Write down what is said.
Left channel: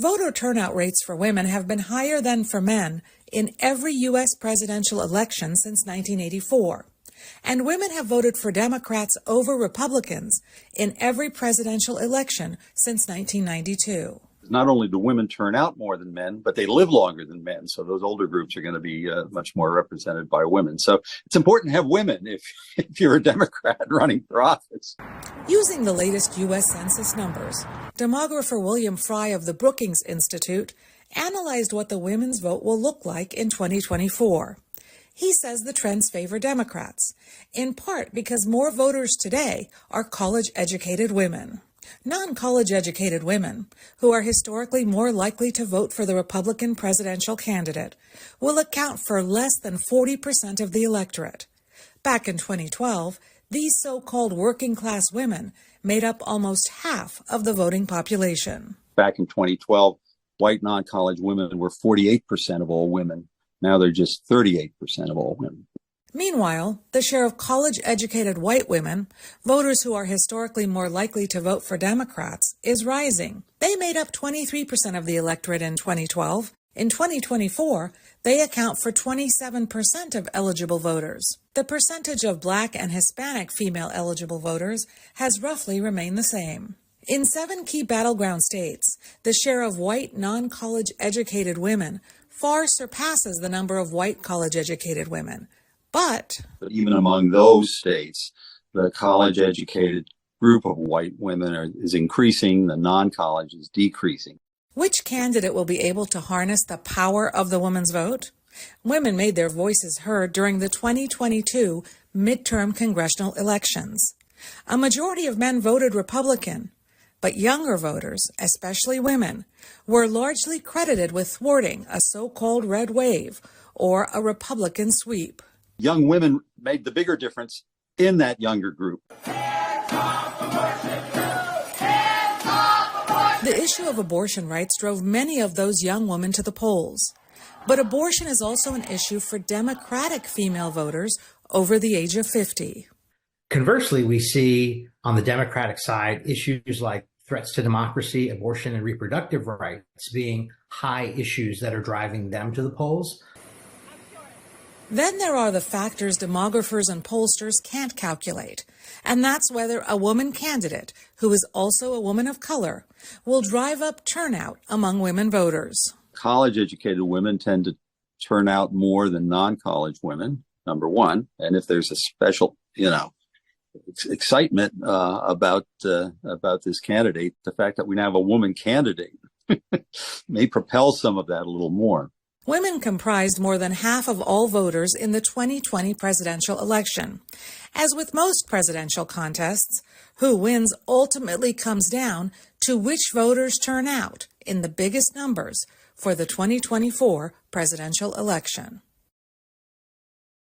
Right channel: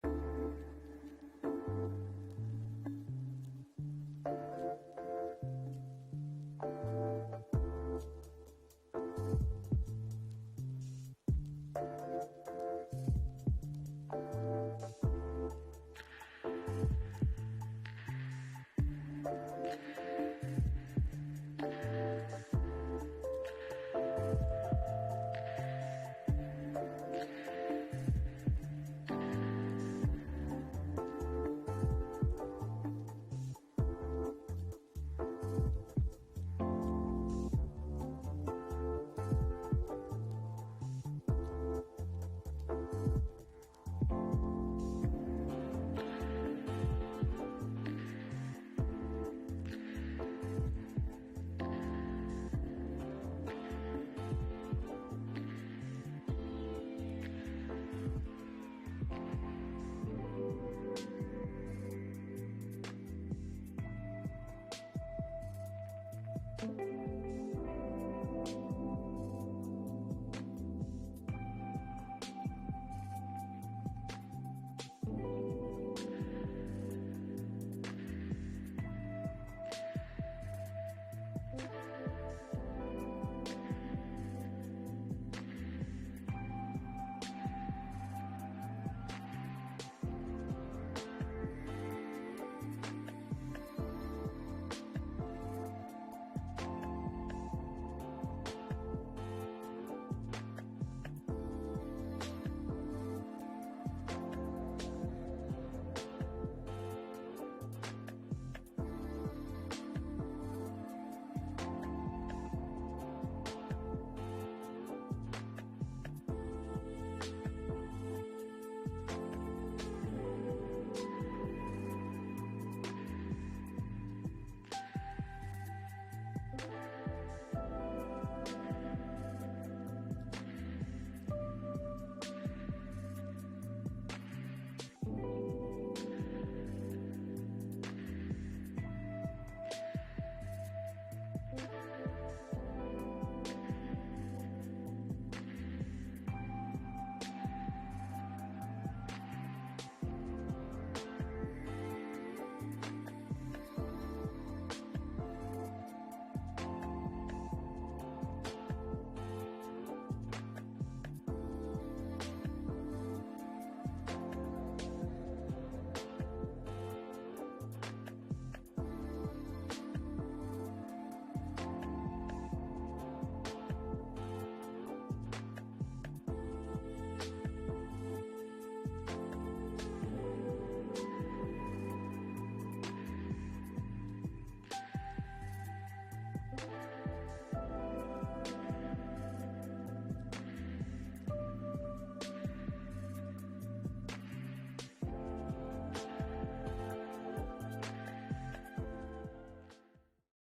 Voter turnout rates for women have been higher than for men in every U.S. presidential election since 1984, and women have voted for Democrats over Republicans in every presidential election since 1992. Not only do women turn out more than men, but they live longer than men. So those older groups are going to be much more represented by women. So it's important to have women if you're a Democrat running for office. Using the latest U.S. Census numbers, demographer William Fry of the Brookings Institute analyzed what the women's vote will look like in 2024. He says the trends favor Democrats, in part because more voters today are college-educated women. Non-college educated women, who are historically more likely to vote for the Republican presidential candidate, will account for less than 40% of the electorate. Back in 2012, these so-called working-class women made up almost half of the voting population. Back in 2012, white non-college women were 48% of all women. Now they're just 38% of all women. Meanwhile, the share of college-educated white women, voters who are historically more likely to vote for Democrats, is rising. They made up 23% of the electorate in 2012. In 2024, they account for 27% of eligible voters. The percentage of Black and Hispanic female eligible voters has roughly remained the same. In 7 key battleground states, the share of white non-college educated women far surpasses the number of white college-educated women. But even among those states, the college-educated group of white women is increasing, the non-college is decreasing. Which candidate will be able to harness the power of the woman's vote? Women made their voices heard during the 2022 midterm congressional elections. A majority of men voted Republican, but younger voters, especially women, were largely credited with thwarting a so-called red wave or a Republican sweep. Young women made the bigger difference in that younger group. The issue of abortion rights drove many of those young women to the polls. But abortion is also an issue for Democratic female voters over the age of 50. Conversely, we see on the Democratic side issues like threats to democracy, abortion, and reproductive rights being high issues that are driving them to the polls. Then there are the factors demographers and pollsters can't calculate, and that's whether a woman candidate, who is also a woman of color, will drive up turnout among women voters. College-educated women tend to turn out more than non-college women, number one, and if there's a special, excitement about this candidate, the fact that we now have a woman candidate may propel some of that a little more. Women comprised more than half of all voters in the 2020 presidential election. As with most presidential contests, who wins ultimately comes down to which voters turn out in the biggest numbers for the 2024 presidential election.